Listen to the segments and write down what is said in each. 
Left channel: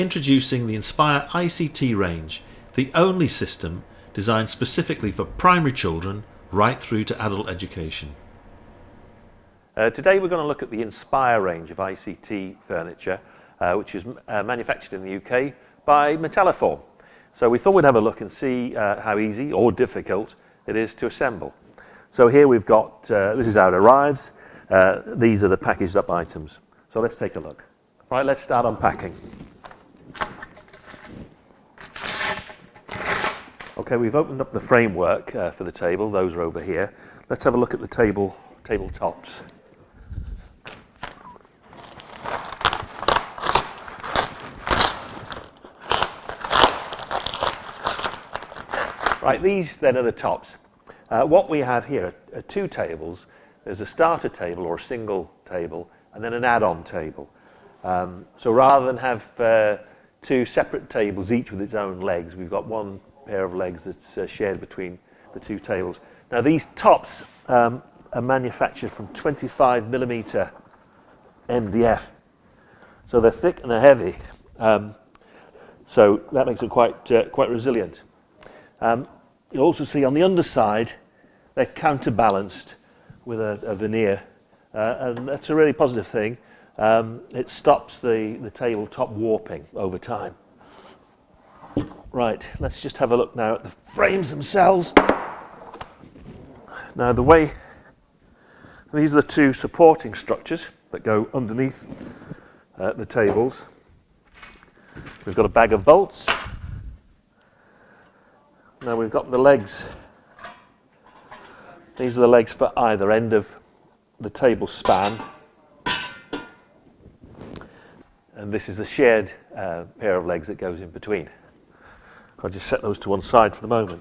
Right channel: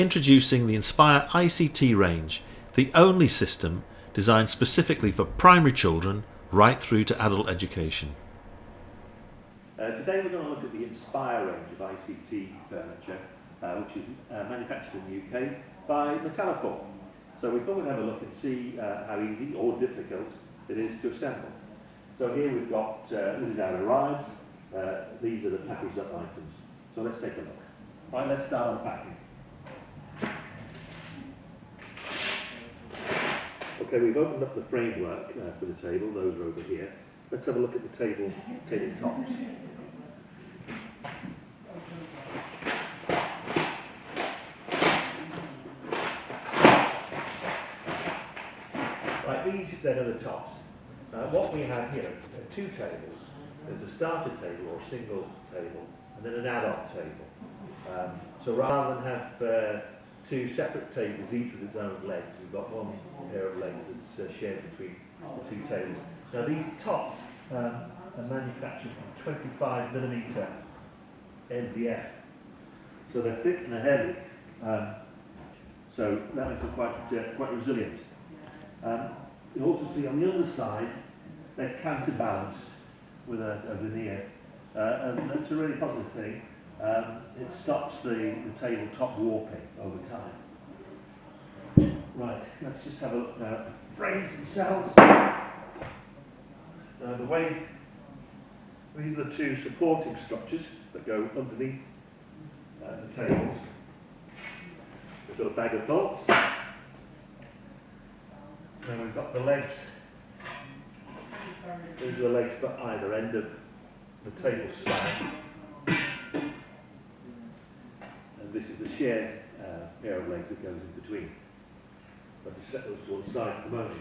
Introducing the Inspire ICT range, the only system designed specifically for primary children right through to adult education. Today we're going to look at the Inspire range of ICT furniture, which is manufactured in the UK by Metalliform. So we thought we'd have a look and see how easy or difficult it is to assemble. So here we've got, this is how it arrives. These are the packaged up items. So let's take a look. Right, let's start unpacking. Okay, we've opened up the framework for the table. Those are over here. Let's have a look at the table tops. Right, these then are the tops. What we have here are two tables. There's a starter table or a single table, and then an add-on table. So rather than have two separate tables, each with its own legs, we've got one pair of legs that's shared between the two tables. Now these tops are manufactured from 25mm MDF, so they're thick and they're heavy. So that makes it quite resilient. You'll also see on the underside they're counterbalanced with a veneer, and that's a really positive thing. It stops the tabletop warping over time. Right, let's just have a look now at the frames themselves. Now these are the two supporting structures that go underneath the tables. We've got a bag of bolts. Now we've got the legs. These are the legs for either end of the table span. And this is the shared pair of legs that goes in between. I'll just set those to one side for the moment.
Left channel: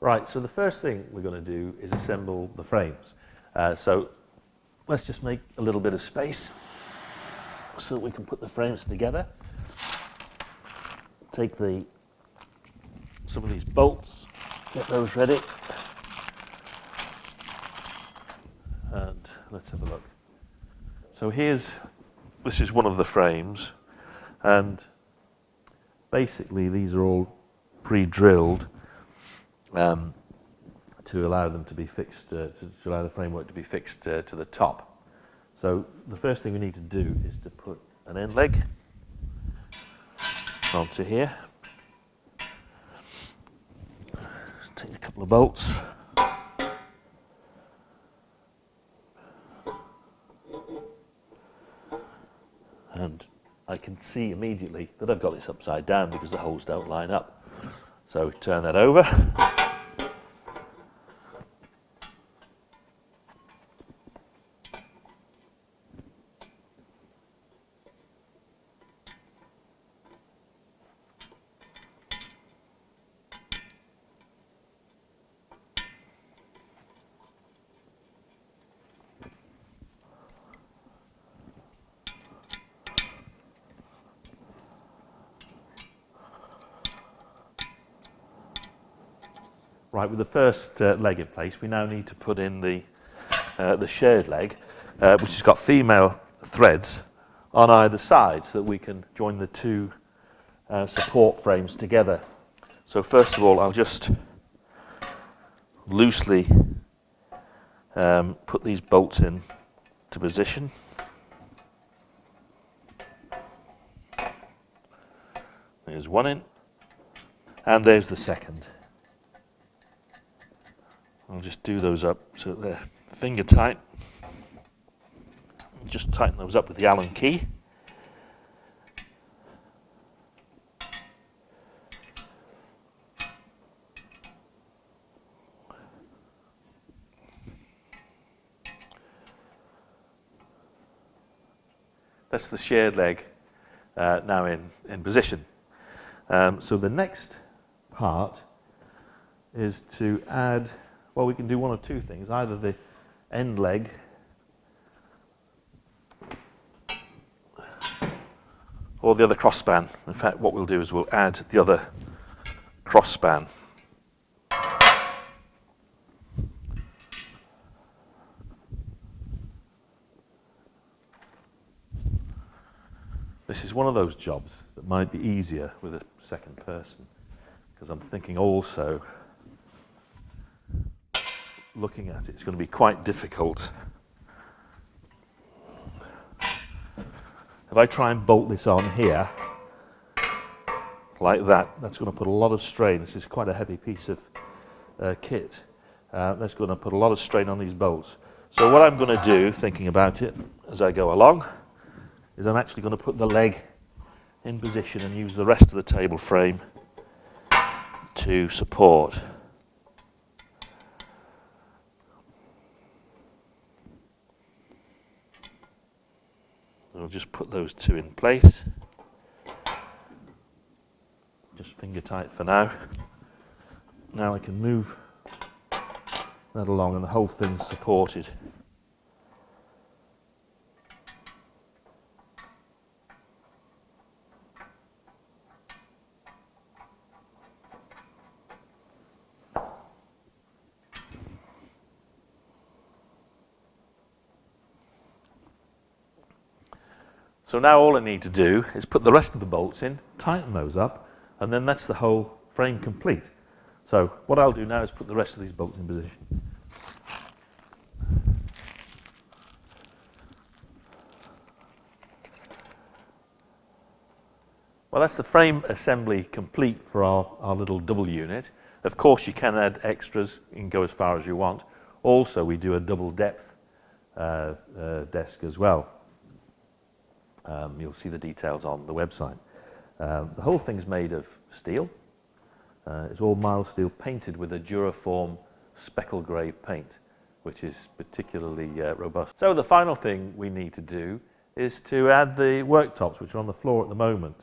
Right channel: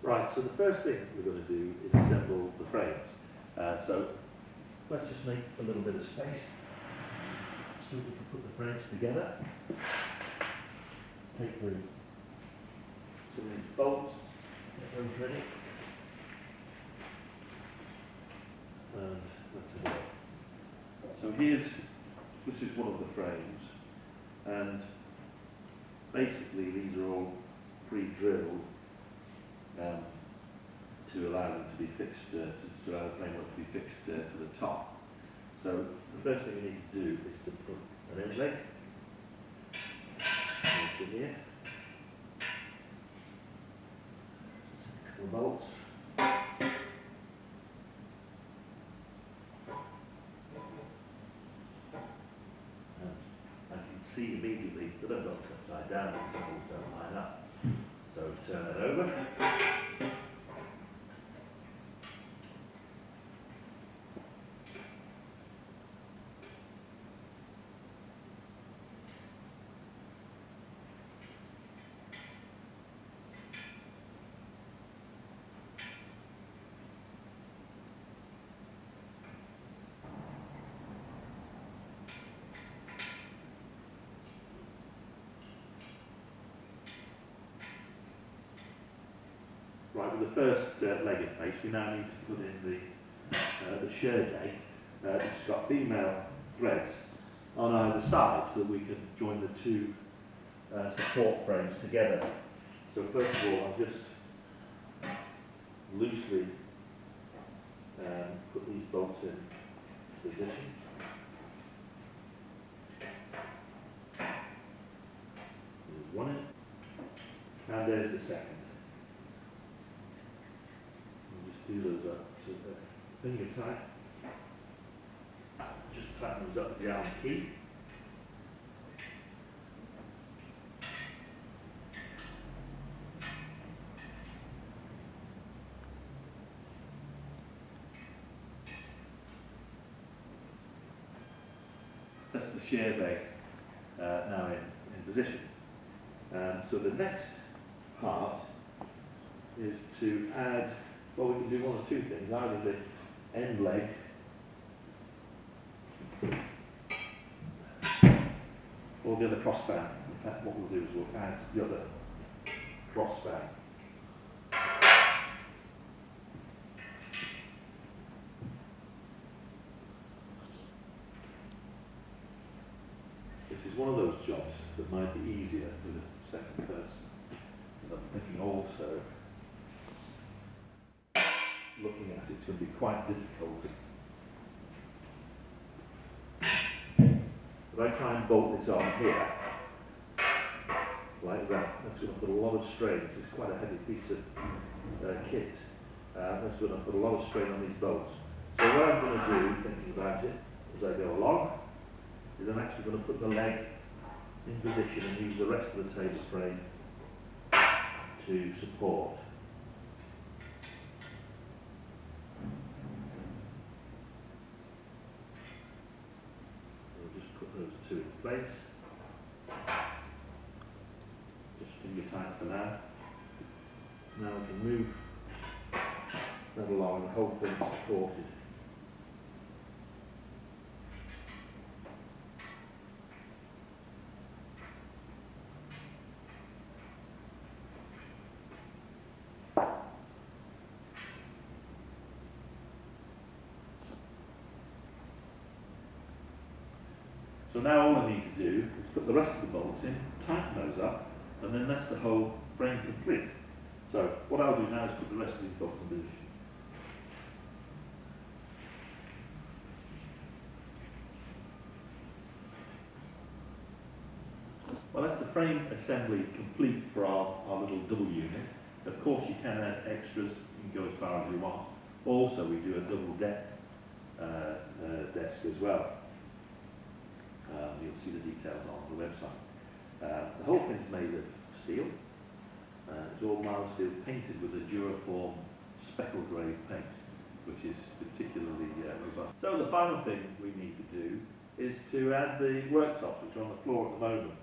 Right, so the first thing we're going to do is assemble the frames. So let's just make a little bit of space so we can put the frames together. Take some of these bolts, get those ready, and let's have a look. So this is one of the frames, and basically these are all pre-drilled to allow them to be fixed, to allow the framework to be fixed to the top. So the first thing we need to do is to put an end leg onto here. Take a couple of bolts. And I can see immediately that I've got this upside down because the holes don't line up. So turn that over. Right, with the first leg in place, we now need to put in the shared leg, which has got female threads on either side so that we can join the two support frames together. So first of all, I'll just loosely put these bolts in to position. There's one in, and there's the second. I'll just do those up so that they're finger tight. Just tighten those up with the Allen key. That's the shared leg now in position. So the next part is to add, well, we can do one of two things. Either the end leg or the other crossspan. In fact, what we'll do is we'll add the other crossspan. The This is one of those jobs that might be easier with a second person, because I'm thinking also, looking at it, it's going to be quite difficult. If I try and bolt this on here, like that, that's going to put a lot of strain. This is quite a heavy piece of kit. That's going to put a lot of strain on these bolts. So what I'm going to do, thinking about it as I go along, is I'm actually going to put the leg in position and use the rest of the table frame to support. I'll just put those two in place. Just finger tight for now. Now I can move that along and the whole thing's supported. So now all I need to do is put the rest of the bolts in, tighten those up, and then that's the whole frame complete. So what I'll do now is put the rest of these bolts in position. Well, that's the frame assembly complete for our little double unit. Of course, you can add extras, you can go as far as you want. Also, we do a double depth desk as well. You'll see the details on the website. The whole thing's made of steel. It's all mild steel painted with a Duraform speckle grey paint, which is particularly robust. So the final thing we need to do is to add the worktops, which are on the floor at the moment.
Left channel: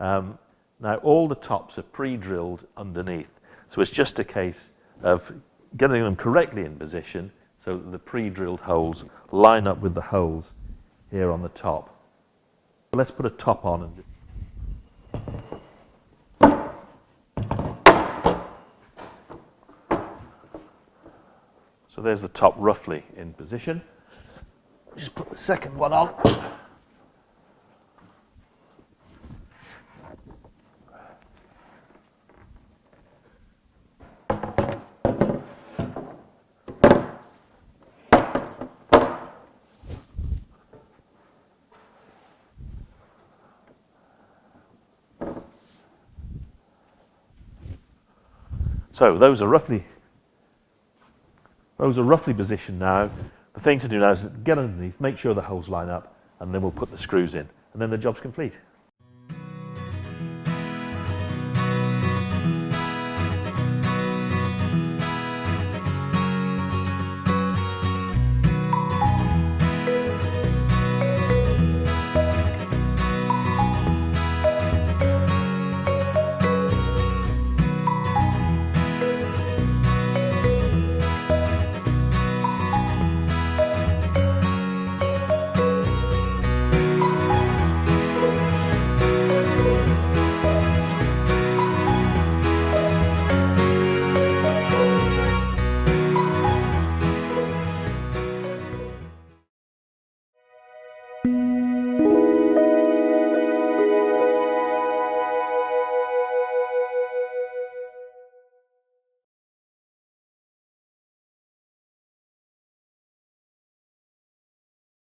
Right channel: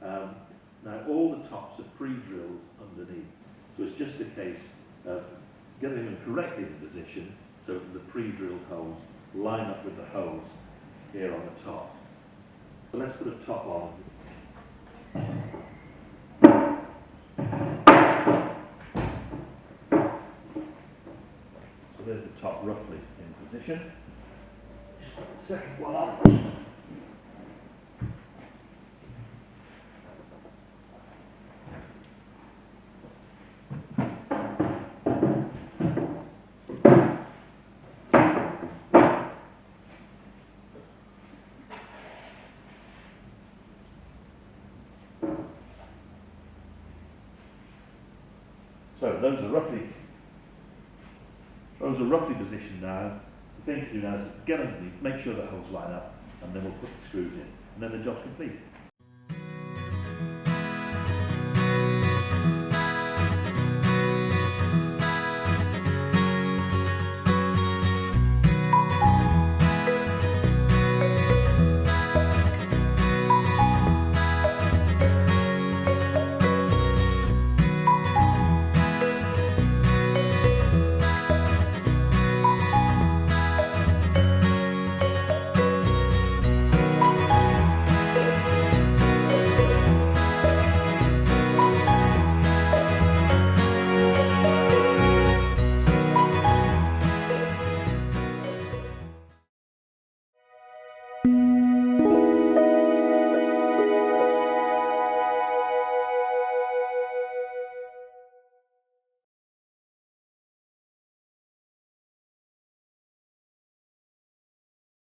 Now all the tops are pre-drilled underneath, so it's just a case of getting them correctly in position so that the pre-drilled holes line up with the holes here on the top. Let's put a top on. So there's the top roughly in position. Just put the second one on. So those are roughly positioned now. The thing to do now is get underneath, make sure the holes line up, and then we'll put the screws in, and then the job's complete.